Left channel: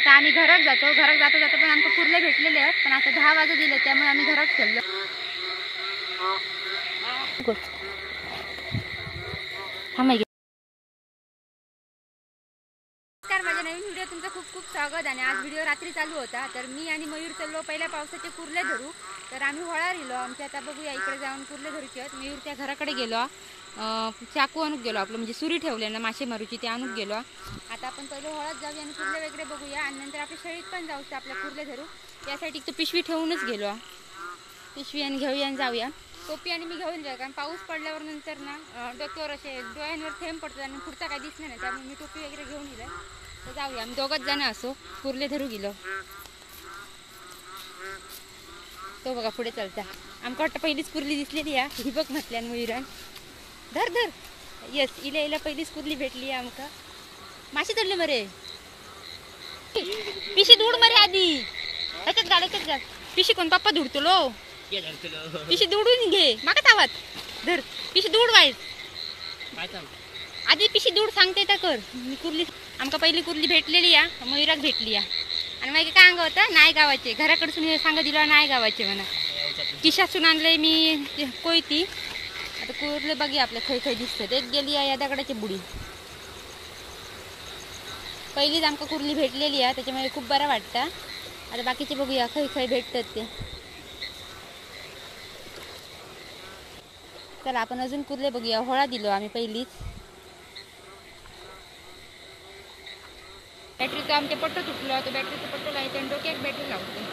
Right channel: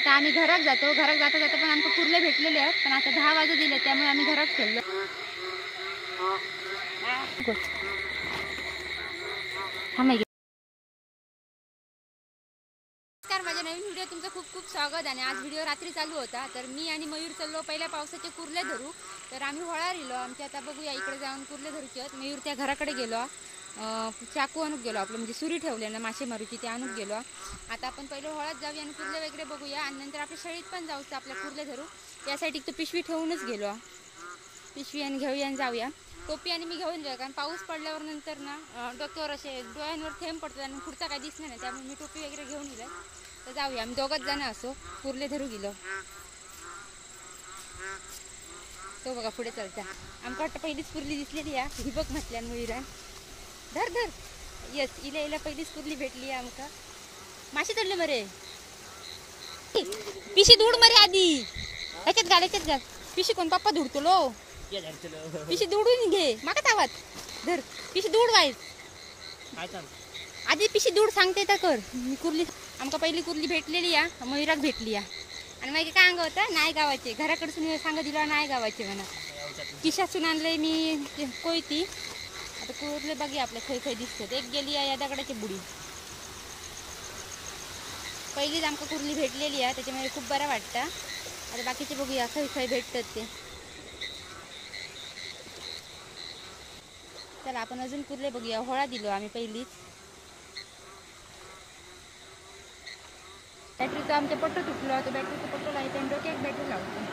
आता आम्ही घरात जातो. घरात जाता जाता पण आमचे कुर्ले भेटलेले आहेत, पण आता 10 वाजत दिले त्यामुळे आम्ही घरात चाललो. नमस्कार, माझ्या नवीन व्हिडिओ तुमचं खूप खूप स्वागत. आणि आज व्हिडिओ रात्री चालू होता, तर मी आणि मयूर चाललो पहिल्या पावसाचे कुर्ले धरू. तर आम्ही होळा रिलो आमच्या. आता बघूया इकडे जाऊन कुर्ले धरूचे आहेत. मयूरच्या घराकडे गेलो, चाकू आणून गेलो, आपलं म्हणजे सुरी ठेवले ना मासे मारूची, ते आणून गेलो. आता आपण पहिले होळात जाऊया आणि कुर्ले वगैरे बघूया आणि नंतर आपल्या शळीत पण जाऊचं आपल्या कुर्ले धरू. यासाठी तो पिशवी ठेवूनच गेलो, पिशवी आणि घेऊया आणि जाऊया. टोपी आणि मी घेऊन जाऊ, कारण पाऊस पडल्यावर नंतर ना डोक्यावर असे डोळ्यांवर थेंब पडतात आणि पुढचा काय दिसणार नाही, त्यामुळे मी टोपी वगैरे घेऊन गेलो. तर जाऊया, आम्ही दोघंच जण असो कुर्ले धरू गेलो. तो बघा पुढे चालता. आमका वाटतं पहिलीच कुर्ली दिसलेली या ही बघ म्हटल्या मुईरा. धर धर, येस, इला इला पहिलीच कुर्ली भेटली आमका. मासे धरले मरे, पिशी धूड मरे आधी. याच्यात घाल, याच्यात घाल. पिशी कोण पप्पा धुडतो लो, पिशी धुडून घे. माका तावात धर, पिशी धूड वाईट आधी पिशी धूड सांगते त्या कर. मी कुर्ली आमका पहिली कुर्ली भेटलेली या मयुराक भेटली या. आणि मग काय अंग होतं नाही गावाचे, घराकडसून सांगा दिला नाही गावाचे म्हणा. किशातून आणलंय मी कोयती. आता कुर्ले बघी आपल्या खै खै दिसतात. एक गेली या दगडाची बुडी. पहिलीच आमका कुर्ली भेटलेली आहे, त्याच्यामुळे खूप बरं वाटतं. आता बाकीचे बघूया खै खै भेटतात ते. चला आपण अजून कुर्ले बघूया. होळा दिलो आम्ही पहिलीच. बॅटरीचा आमच्या पट्टो तुटलो, तो बॅटरीचा पट्टो लावते आणि डोक्यात बॅटरी लावतो.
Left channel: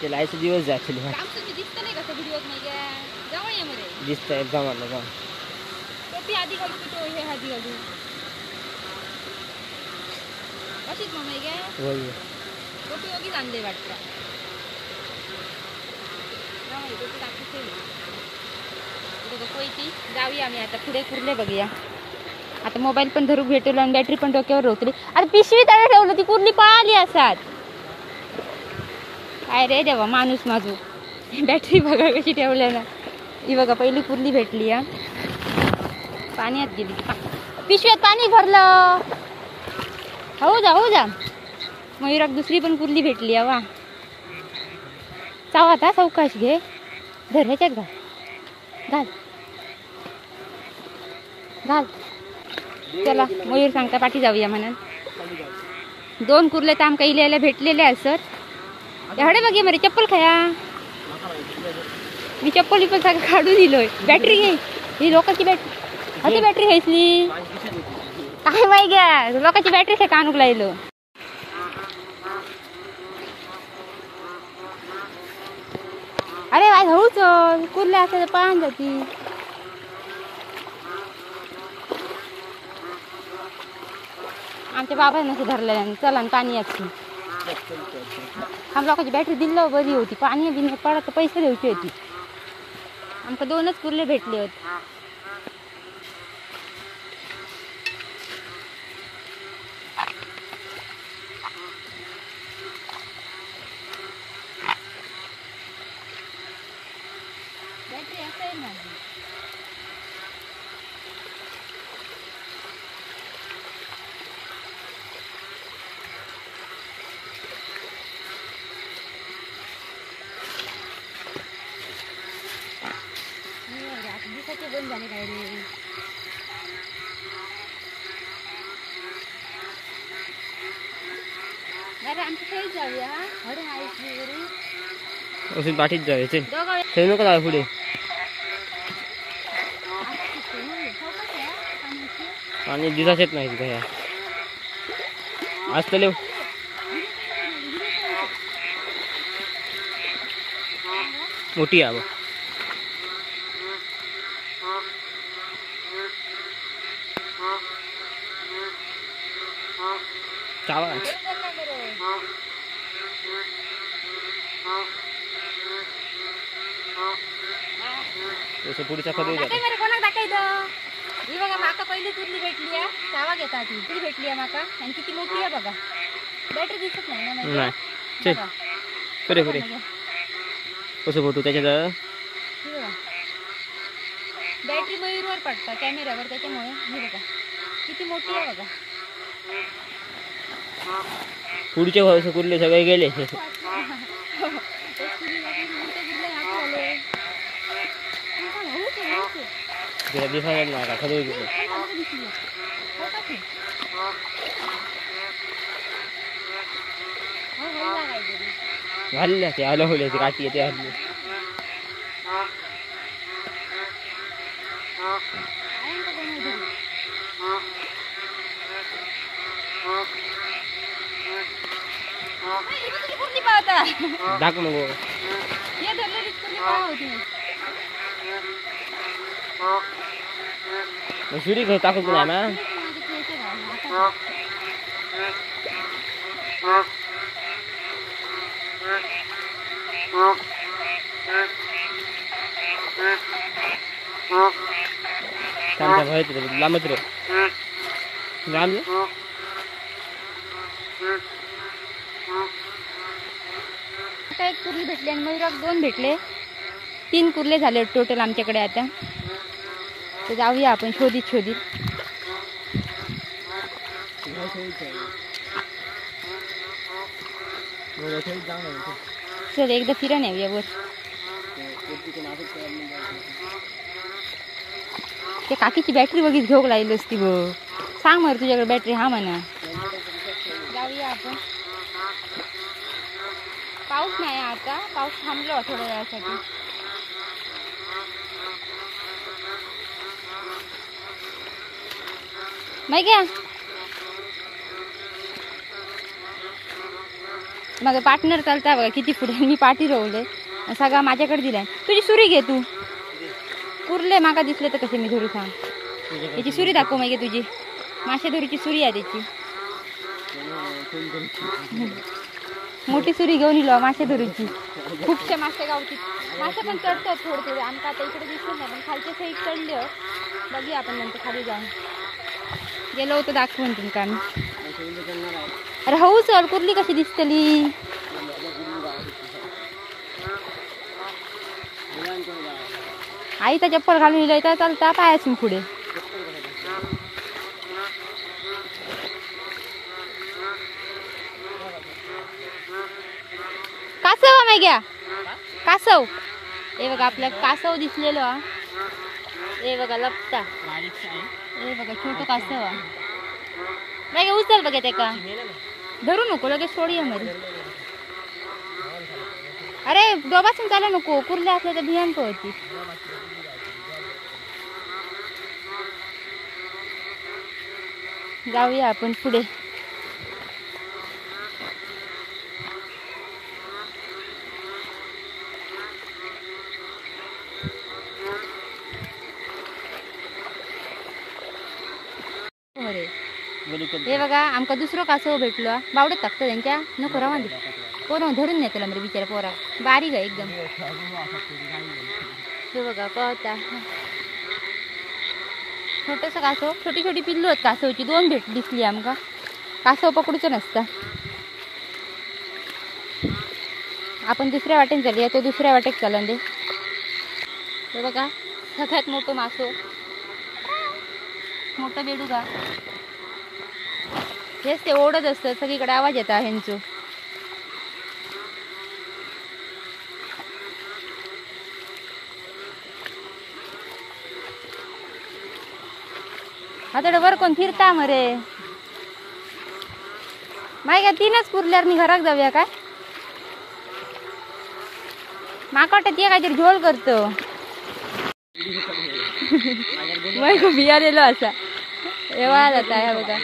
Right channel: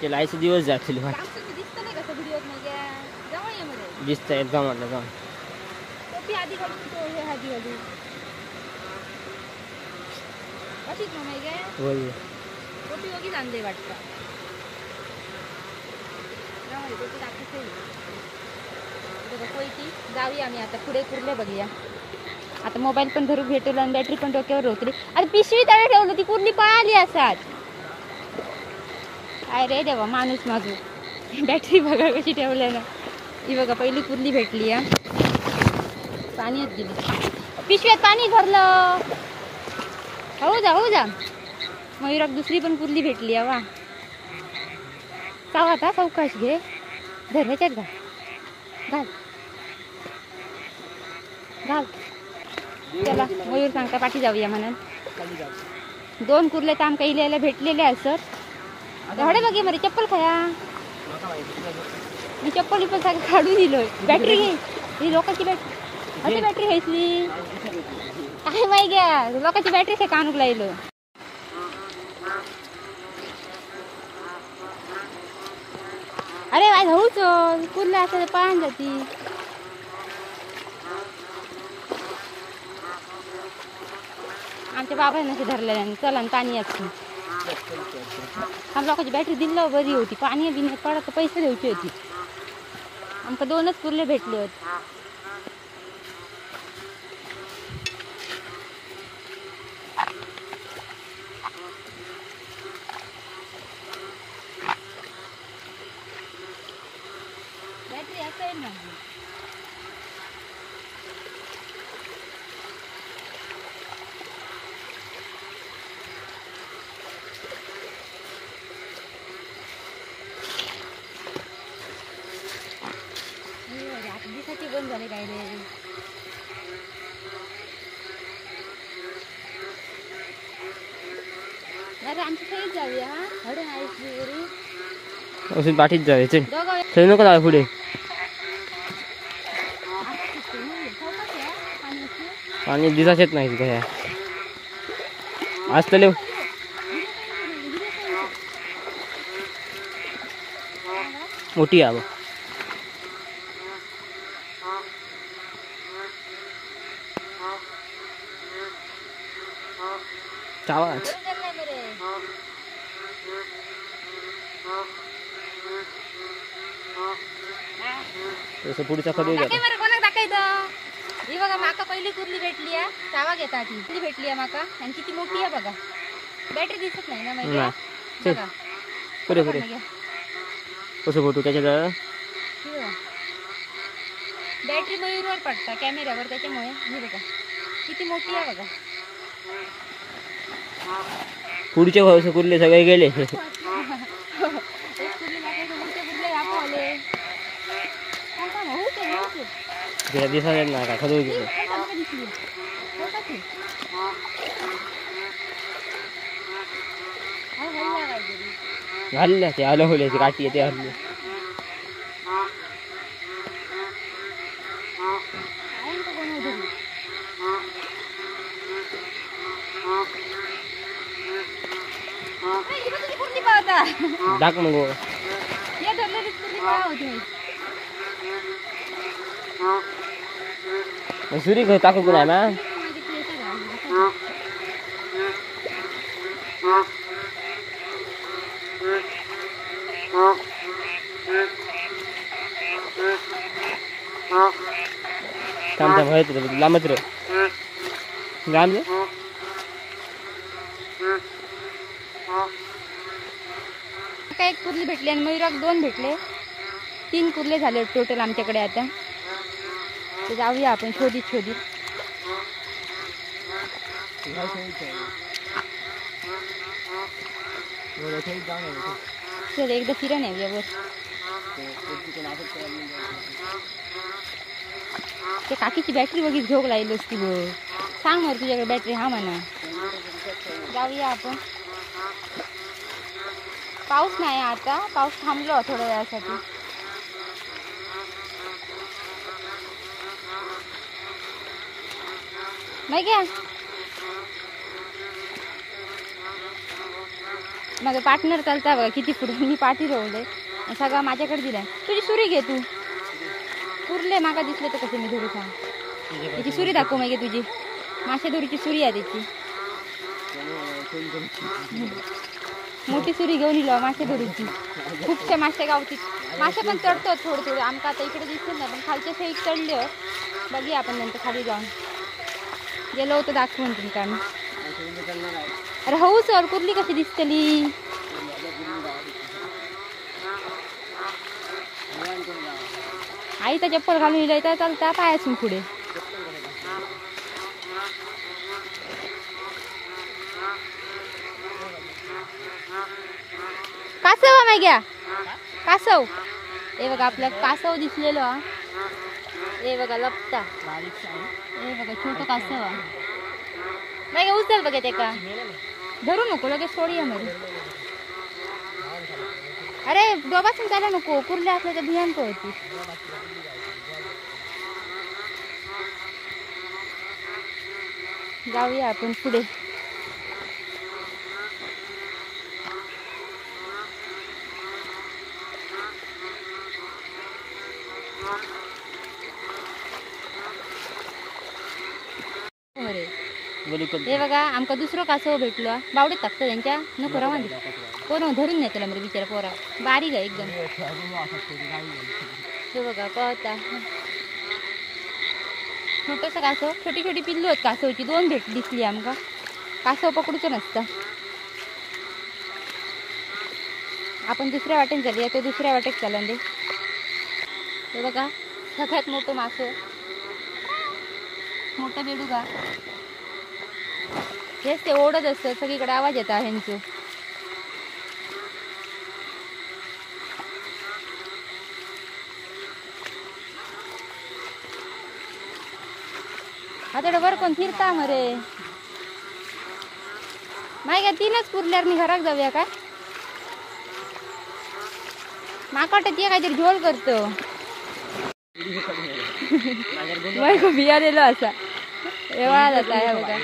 ते लायचं दिवस जातील. दिसत नाही कसं व्हिडिओत नाही का? जवळ ये मरे दिसत एकदम आलं का. टोपी आधी घालू की तो हे आधी घालू अशीच मग काय होय. टोपी वगैरे आणले वाटतं. टोपी दाखवते बघा कोयती. जाऊया आम्ही आता पुढे कुर्ले बघूया. आता मोबाईल पण धरू भेटलो आणि बॅटरी पण डोक्यावर रोखली. आता पिशवी तयार ठेवलं, ती कुर्ली पळाली असात. काय रे देवा माणूस माझू. बॅटरी बघा कशी ठेवल्या ना. ही बघा पहिली कुर्ली भेटली या. पाण्यात गेली, पिशव्यात पाणी भरलं. हो जा हो जा. मयुराक दुसरी पण कुर्ली भेटली वा. चाव आता चौकाश घे, धर ह्याच्यात घाल घाल घाल. चला मयूर सांगता पाठी जाऊया म्हणून. 2 कुर्ले तर आमका इल्याला भेटलेले आहे सर. एवढे बघे मरे चप्पल खाया. मी चप्पल पण सगळं काढून दिलोय. बॅटरी घे, ही लोकांची बॅटरी बॅटरी घ्यायची काय माहिती घ्या. लोकांची बॅटरी काय कानूक लागलो. अरे वाय भाऊ चल कुर्ला असं पाहून जाती. आमच्या बाबा नसे धरलं चला पाणी याची. आम लोकांची बॅटरी दिलं बरी होती. पाणी बिण्यात पडत पैसे द्यायची होती. आमका 2च कुर्ले भेटले होते. बॅटरी असेल माझी. दिसाची बंद झाले काय रे. अरे आमची काही जाऊया. अरे अजून पाठीत जायचे. ठेवू नको ना पुढे. पाणी दिसाच येत नाही तिथे. आज तर मोठी आहे. पुढच्या कोणाक दाखवायचं. ही बघा माका पहिली कुर्ली भेटली आहे. चावा घेतात ती भेटली आहे माका. आणि किती मोठी आहे बघा. बॅटरी दिसत नाही ना माहिती. पुरे पुरे कसं फोटो त्याच्यात. बॅटरी मयूरवर पडता कॅमेऱ्यावर, त्याच्यामुळे हे बघा किती मोठी आहे बघा. पुढचे भाऊ कुर्ले सगळे गेले. दिसायला ना का खरं गेले. घालले ते आलं होले काठी ते हल्ली. दाख मग सुरी काही टाकू ना ना. लांबच रे लांब. एक कुर्ली भेटली आणि मयूराक 2 भेटले. 3 कुर्ले झाले टोटल आमच्याकडे आता. तर जाऊया आपण शोधित. चल एकदा फिरून येऊया वर. ते काकीची बॅटरी बघित घेऊ लागली असती बघ. सांग मग तुझ्याकडे बॅटरी हा म्हणा. जाऊया आपण. पाऊस नाही आता, पाऊस थांबलो थोड्या वेळासाठी. नाही घ्या माझा पार्टनर चालता बघा किती पुढे. मी पाठी रोवले सगळा माझ्याकडे दिलाय. तुझी सुरी घे तू. कुर्ले माका दिसले तर कसे मी धरू सांग. त्याची सुरी दाखव मग तुझी. मासे धुरीची सुरी आहे त्याची. मोठी सुरी घेऊन इलो मासे धुरीची. खूपशे मासे गावची. मासे पण चढतात थोडे आमका आता इकडे दिसत नाही, पण खालच्या साईड चढले. बघूया आपण नंतर खाली जाऊन. गेलो होतं दाखवून तुमका आम्ही. अरे हो चल. कुर्ली कशी दिसतली. आई तर चप्पल घालून इला तर चालता पायासून पुढे. कासव नाही घ्या. कासव हे बघा आपल्या कासव दिसलेलो. हे बघा लपता. हे बघा छोटं कासव नाही उचल बघा. ते का धरू नको लगेच सोडूया मध्ये. अरे दोबासून चालू नको. कुर्ला असलं तर भियांक होती. जाऊया आपण पुढे. हे बघा आमका दुसरं कासव भेटलो. बावडत टाकतं त्यांच्या नको रवांदी. कोण धरून नेतो ना बिचारा पोरा. बारीक आहे एकदम. हे बघा पळता छोटस कासव. छोटी पिल्लू आहेत कासवची. 2 दिसली आमका. कासव पकडूच नसता. आपण दुसऱ्या वाटेन चालूया. तो दुसऱ्या वाटेक चालन दे. हे बघा सगळ्यात मोठं मासो. मोठं बेडूका. हेच ते ओढत असतं. सगळीकडे आवाज येतात ह्यांचं. आता वर कोण फिरता मरे. माय का 3च कुर्ल्यावर मी घरात जाऊया काय. माका वाटत ये काहीतरी झोल करतो. वय खूप बियालेलो असा. एवढा जाता ह्या बघा.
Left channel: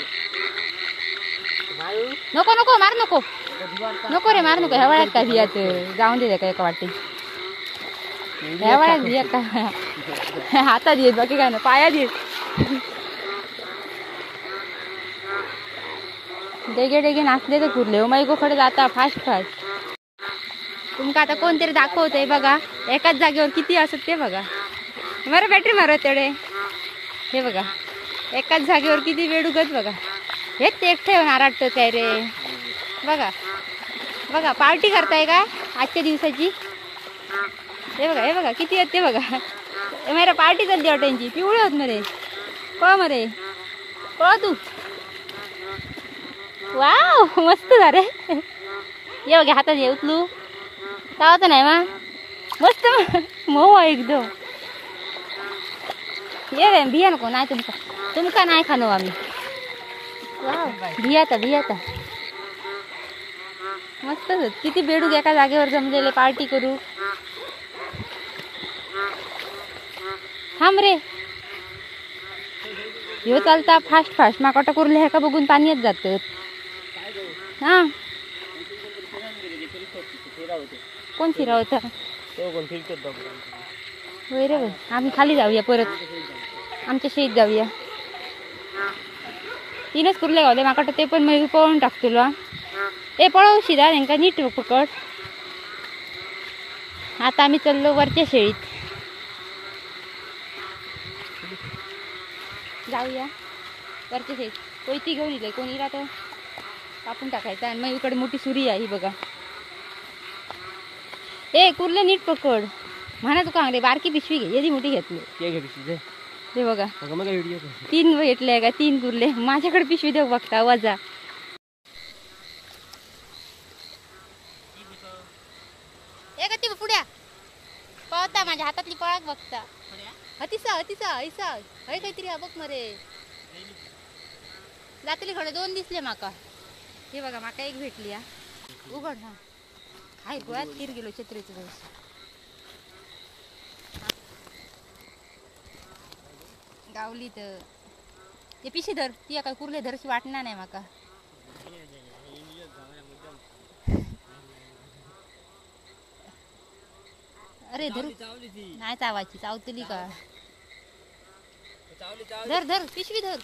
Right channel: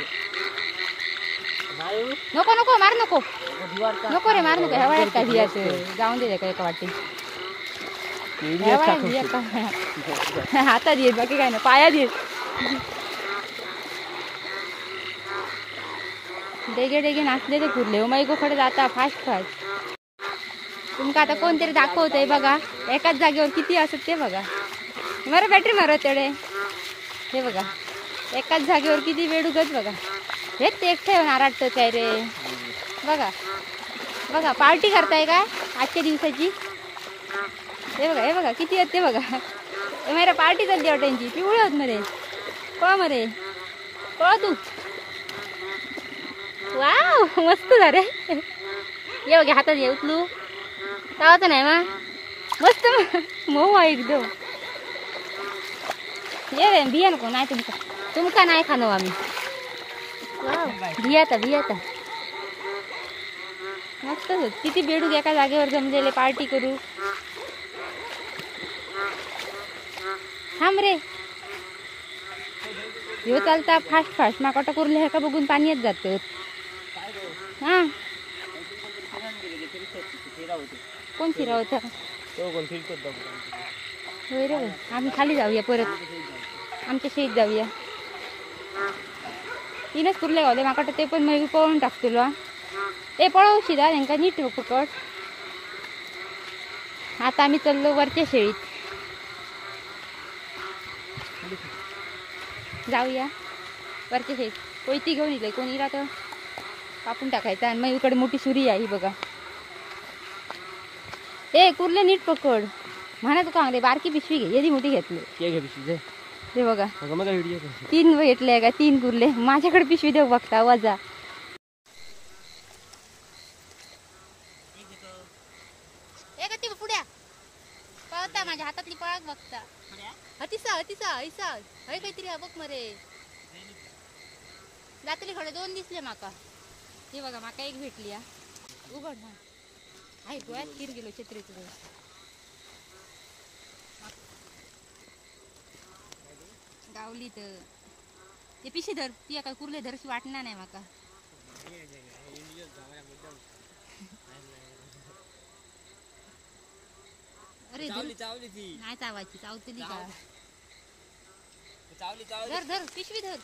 नको मार नको रे मार नको. ह्या वळ्यात काय भियाचं. जाऊन दे का एका वाटे. ह्या वळ्यात भिया का हातात येत बाकी काय ना पायात येत. डेगे नाचले तर कुर्ले. हो माई गोखडे जाता फास्ट. तुमका आता कोणतरी दाखवतंय बघा. एकाच जागेवर किती असत ते बघा. बरं बॅटरी मारत तेवढे. हे बघा एकाच जागेवर किती वेडूगच बघा. हेच ते एकटे नाराटतोच आहे रे. बघा पार्टी करताय का आजच्या दिवसाची. हे बघा किती आहेत ते बघा. मेरा पार्टी चालली हॉटेलची पिवळे होत मरे कळ मरे कळ तू वाव मस्त झाले ये बघा हातात ये उचलू तावाचं नाही मा मस्त मऊ आहे एकदम ये बिया नको नाही तुमका नाही खानो आम्ही वाव भियाता मस्त किती बेडूक एका जागेवर जमलेले पार्टी करू थांब रे ह्यो चालता फास्ट माका कुर्ले ह्या का बघून पाण्यात जात हा कोण फिरा होता होय रे बाई आम्ही खाली जाऊया परत आमच्या शेत जाऊया तीनच कुर्ले गावले माका ते पण मी पळून टाकतो ते पळवशी दा त्यांका नीट पकड आता आम्ही चाललो वरच्या शेळीत जाऊया वरच्या शेळीत कोयती घेऊन येईल कोणी राहतं कापून टाकायचं आणि मग इकडे मोठी सुरी आहे ही बघा ए कुर्ले नीट पकड म्हणा तू का रे बारकी पिशवी घे एवढी मोठी घेतली ते बघा 3 घेतले का 3 कुर्ले माझ्याकडे पिशवी देऊ बघता वजा ती पुढ्या पळता माझ्या हातातली पळाक बघता हतिसा हय काहीतरी बघ मरे जातली खडे 2 दिसले माका हे बघा माका एक भेटली उघड ना हाय गोळ्यात तीर गेलो छत्रीचं दिवस गावली तर ते पिशी धर ती काय कुर्ले धरशी वाटणार नाही माका अरे धर नाही चावायची चावतली का धर पिशवी धर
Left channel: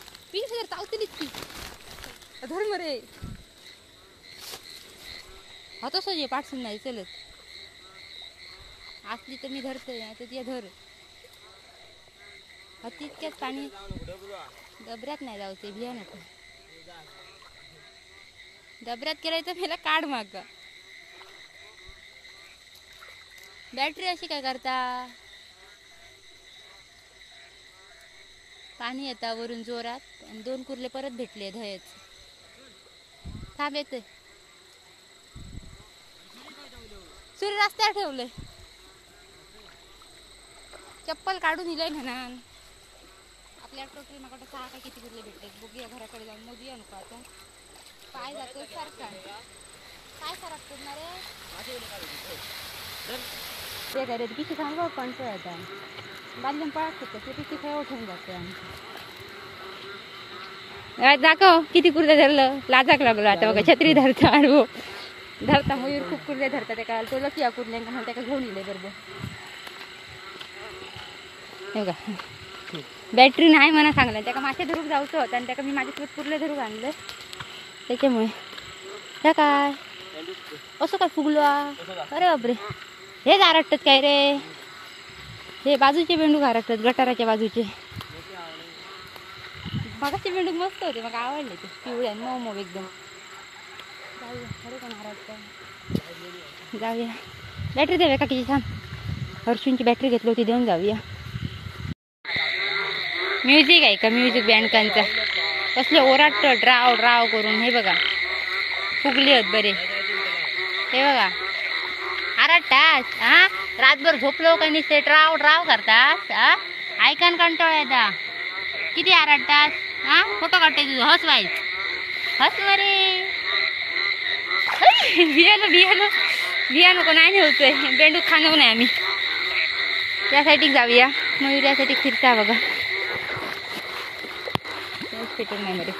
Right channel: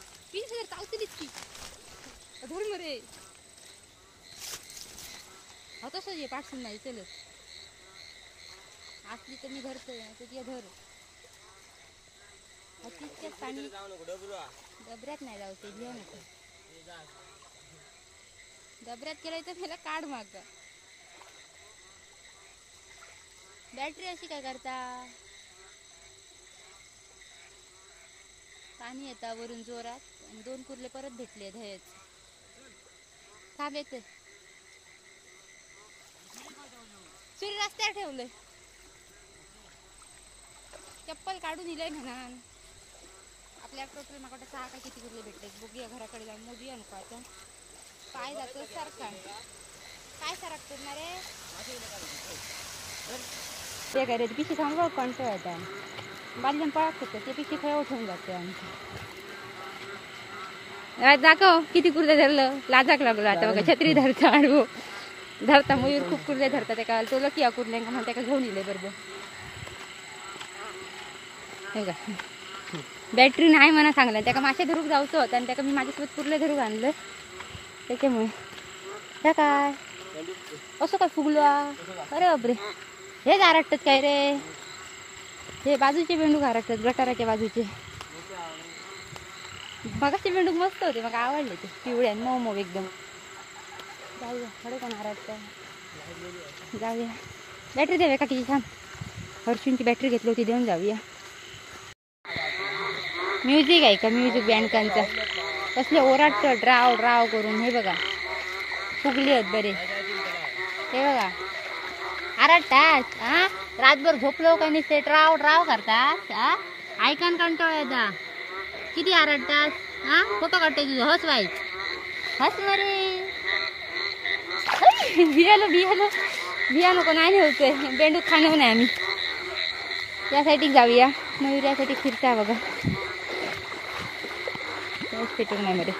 चावतलीच की धर मरे होतो सोजे पाठसून नाही चलत असली तर मी धरते नाही तर ती धर तितक्यात पाणी डबऱ्यात नाही जावते भिया नको डबऱ्यात केलाय तर मला काढ माग बॅटरी अशी काय करता पाणी येता वरून जोरात आणि 2 कुर्ले परत भेटले धयच थांब येते सूर्य रस्त्यावर ठेवले चप्पल काढून दिलंय म्हणा आपल्या टोटल माकडे 6 का किती कुर्ले भेटले बघूया घराकडे जाऊन मोजूया नको आता पाय जातो सारखा काय फरक पडणार ते काय रे पिशी सांगा कोणतं आता बांधून पळत होतं ते पिशी खाय उठवून जाते आमची दाखव किती कुर्ले धरलं लाजाक लागलं आता बघा छत्री धरता आडवो धरता मयूर खूप कुर्ले धरता त्या तो लकी कुर्ले म्हणून त्याला घेऊन येले बरोबर बघा बॅटरी नाही म्हणा सांगलं त्याका मासे धरून जाऊचं होतं आणि त्याका मी माझ्यासोबत कुर्ले घरी आणलं त्याच्यामुळे त्या काय असं काय फुगलो अरे बापरे हेच आरटतात काय रे हे बाजूचे बेंडूक आरटतात गटाराच्या बाजूचे मगाचे बेंडूक मस्त होते मग आवडले ते पिवळे मऊ मऊ एकदम जाऊया खडे का आरटत जाऊया बॅटरी द्याव्या का किती छान हर्षूंची बॅटरी घेतली होती देऊन जाऊया म्युझिक आहे का म्युझिक बँडकांचा कसले ओराट ड्राव ड्राव करून हे बघा फुगले आहेत बरे हे बघा आरटतात हा रातभर झोपलो का नुसते ड्राव ड्राव करतात हा ऐकन कंटाळा येता किती आरटतात हा फोटो काढते तुझं हस वाईस हस मरे बिया नको नाही नेवतोय बेंडूक खाणव नाही आम्ही त्यासाठी जाऊया मयूर यासाठी फिरता बघा पेटून नाही मध्ये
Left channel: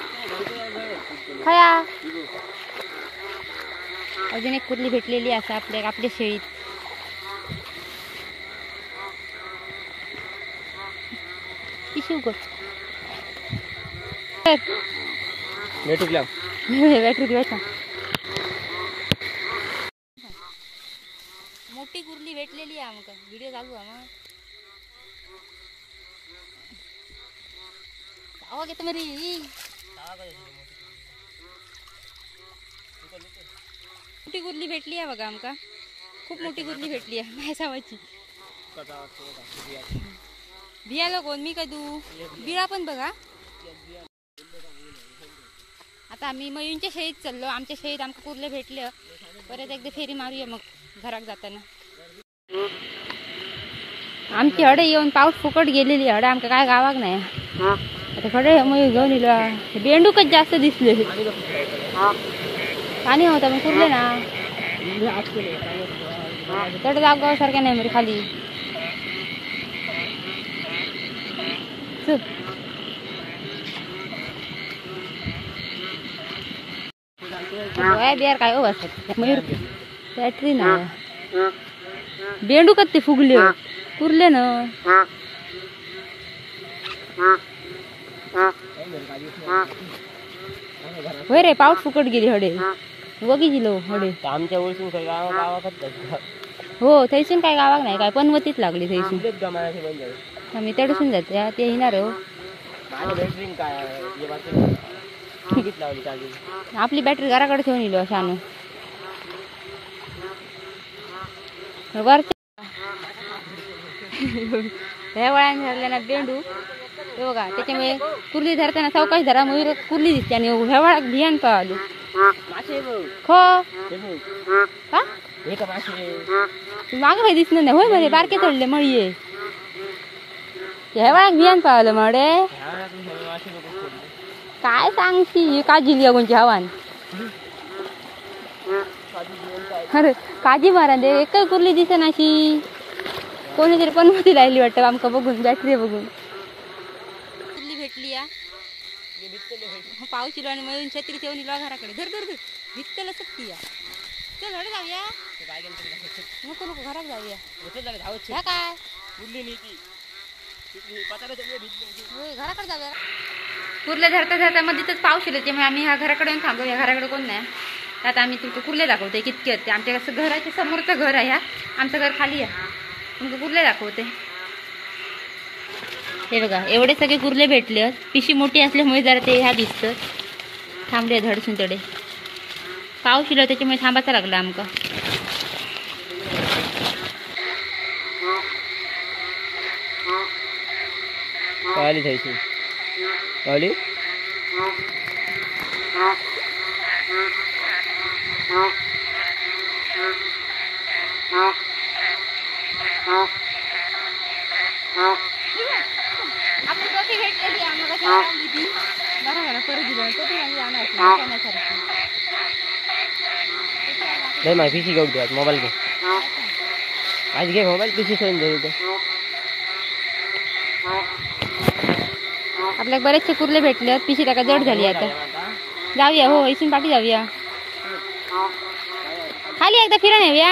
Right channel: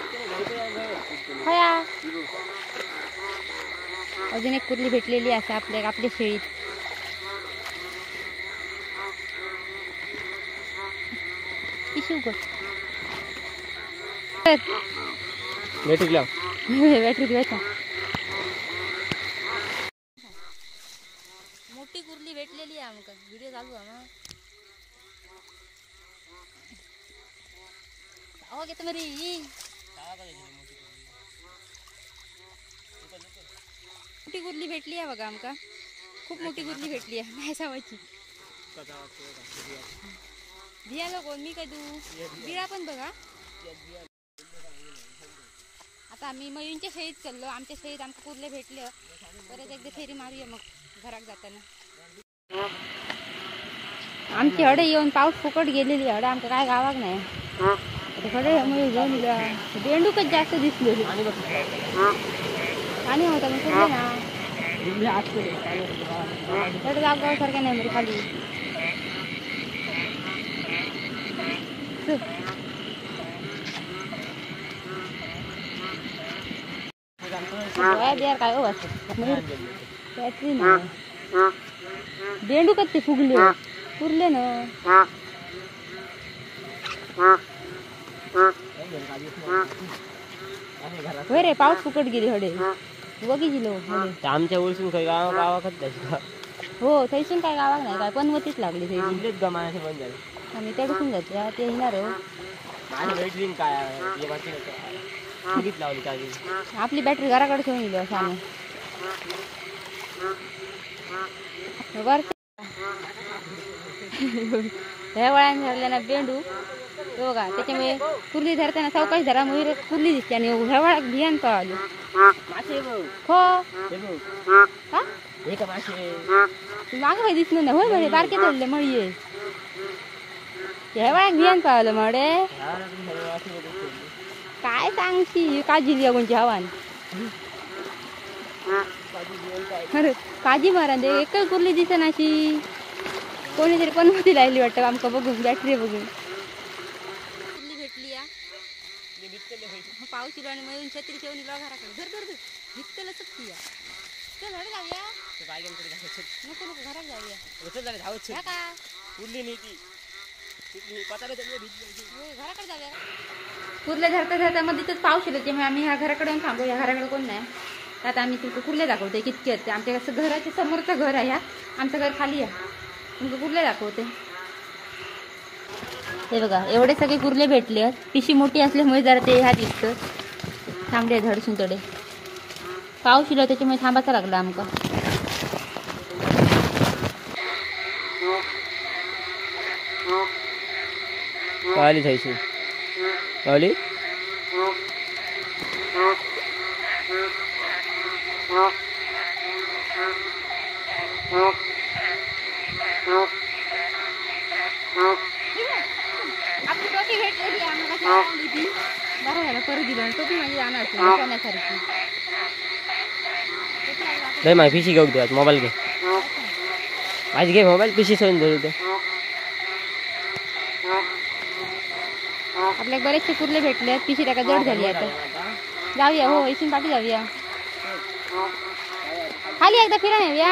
हया अजून एक कुर्ली भेटलेली असं आपल्या शेळीत बॅटरी द्यायचा मोठी कुर्ली भेटलेली आहे आमका व्हिडिओ चालू आहे मग आवाज येतो मरी मोठी कुर्ली भेटली आहे बघा आमका खूप मोठी कुर्ली भेटली आहे माझ्या सावाची भियाला कोण मी कदू बिळा पण बघा. आता आम्ही मयूंच्या शेळीत चाललो. आमच्या शेळीत आमका कुर्ले भेटले. परत एकदा फेरी मारूया मग घरात जाताना. आमची हडे येऊन पाऊस फुकट गेलेली हडे आमका काय गावाक नाही. आता खडे मयूर घेऊन येलो. बेंडूकच जास्त दिसले. पाणी होता मग कुर्ले ना थोडं जागाव सारखं नाही म्हणजे खाली बिहार काय असत मयूर बॅटरी ना बेंडू ते फुगले कुर्ले ना होय रे पाऊस फुकट गेली हडे बघितलो हडे आमच्या ओळखून काही गावात हो थैसून काय गावाक नाही काय पनवतीच लागली थैसून आम्ही तडसून जाते ते येणार हो. आपली बॅटरी घराकडे ठेवून येलो शाने वरच्या ह्या वळ्याने धरल्या ना बेंडू तो बघा त्याच्यामुळे कुर्ली धरताना सावकाश धरा मयूर कुर्ली दिसते आणि ह्या वळ्यात भियान का आलो हो का मागे काही दिसलं नाही होय म्हणजे बारके तोडले मळीये ह्या वळ्यात भियान पावलं मडे काय सांगशी काजी लिया कोणची हवान अरे काजी मारा दे एकच कुर्ली दिसे नाशी कोणीतरी पनवती राहिली वाटतं आमका बघून बॅटरी बघून कुर्ली भेटली या पाऊस चिलो आणि मयून छत्री ठेवून इलो घराकडे धर धर धर भित्तल सक्ती या चल हडे जाऊया नको नको घरात जाऊया काय घराकडे जाऊया कुर्ले धरता धरता मध्ये तिथंच पाऊस येतो त्यामुळे आम्ही ह्या घराकडे येऊन थांबलो. ह्या घराकडे कोण नाही. आता आम्ही तुमचं कुर्ले दाखवते कितके होते आमच्या कसं घराच्या समोरचं घर आहे. ह्या आमचं घर खाली आहे तुमचं कुर्ले दाखवते. हे बघा एवढे सगळे कुर्ले भेटले. पिशी मोठी असल्यामुळे जरा ते ह्या दिसतं थांबले धडसून तडे पाऊस येलो त्याच्यामुळे थांबायचं लागलं आमका. आली थैशी आली आपली टोपी भेटलेली आम्हाला कशी आवडली ती बरोबर तरी दिली टोपी म्हणजे आणण्यासारखी नाही माझी पिशी घेऊ द्या मोबाईल घे आज घे मोबाईल पिशी सैन धरू आपल्याला बरेचसे कुर्ले भेटले पिशी टाका जड झाली आता जाऊया हो इथून पाठी जाऊया खाली एकदा फिरून येऊया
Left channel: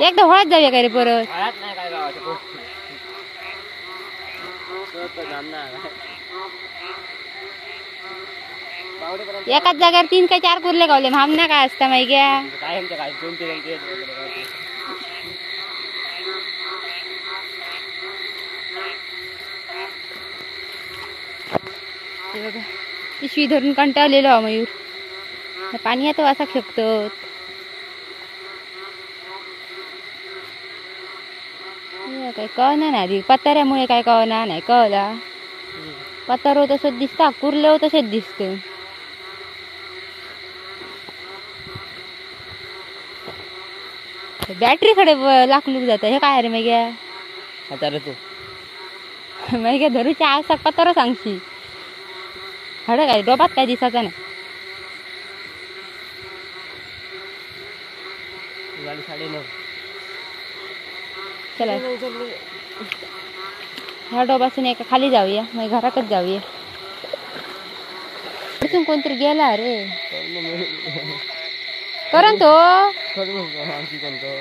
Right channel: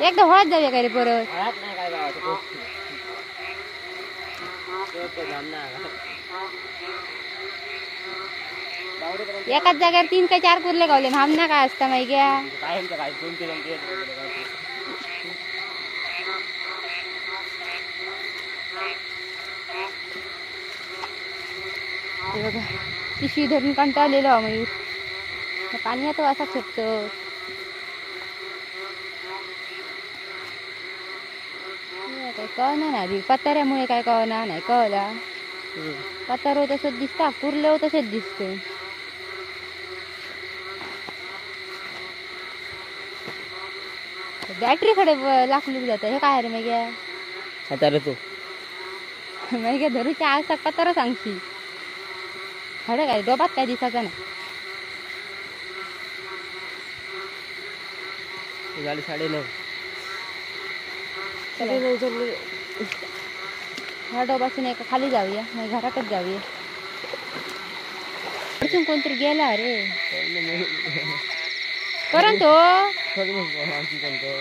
एकदा होळ्यात जाऊया काय रे परत एकाच जागेवर 3 का 4 कुर्ले गावले भामना काय असता माहिती बघा पिशवी धरून कंटाळलेलो मयूर पाणी येतो असा शकतो काय कळणार नाही पत्ताऱ्यामुळे काय कळणार नाही कळला पत्तारो तसंच दिसता कुर्ले तसेच दिसत बॅटरी कडे लाकलूक जात हे काय रे मग मग धरूच्या आसा पत्तारा सांगशी हडे काय डोबात काय दिसाचा नाही 9:30 चला ह्या डोबासून एका खाली जाऊया मग घरातच जाऊया इथून कोणतरी गेला रे करण तो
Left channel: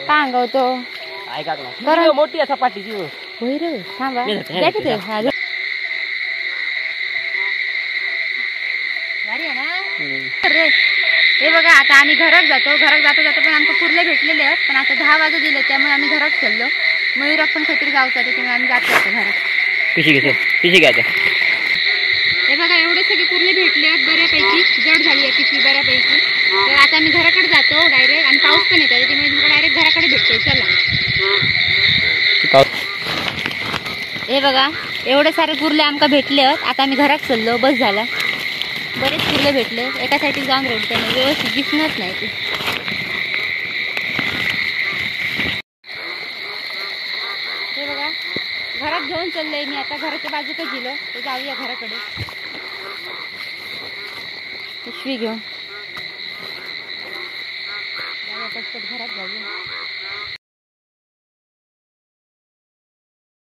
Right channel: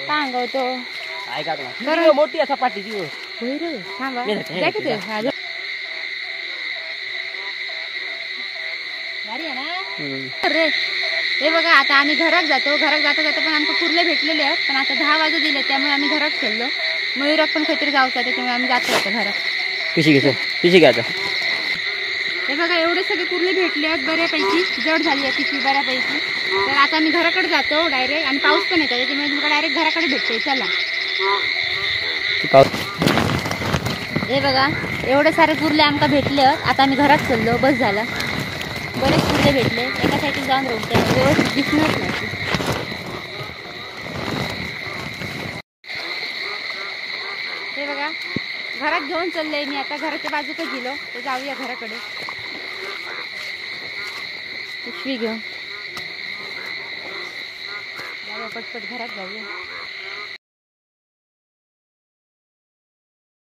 सांगवतो मोठी असा पाठीची होय रे थांबा भारी आहे ना हे बघा आता आम्ही घरात जातो जाता पण आमचं कुर्ले भेटलेले आहेत पण आता 10 वाजू दिले त्यामुळे आम्ही घरात चाललो मयूरात पण काहीतरी जाऊचा त्याच्यामुळे आम्ही जातो घरात पिशी घ्या हे बघा एवढे सगळे कुर्ले भेटले आहेत बऱ्यापैकी जड झाली आहे पिशवी बऱ्यापैकी तर आता आम्ही घराकडे जातो डायरेक्ट आणि पाऊस पण येतो त्याच्यामुळे तुम्हाला डायरेक्ट घराकडे भेटतो चला हे बघा एवढे सारे कुर्ले आमका भेटले आहेत. आता आम्ही घरात चाललो. बस झाला. बरेच कुर्ले भेटले. एका साईडला जाऊन रोडते व्यवस्थित दिसणारच नाही ते. हे बघा घरात घेऊन चाललोय मी आता. घराच्या बाजूकच गेलो तर जाऊया घराकडे. पिशवी घेऊन जाऊया पटपट घरात जाऊया.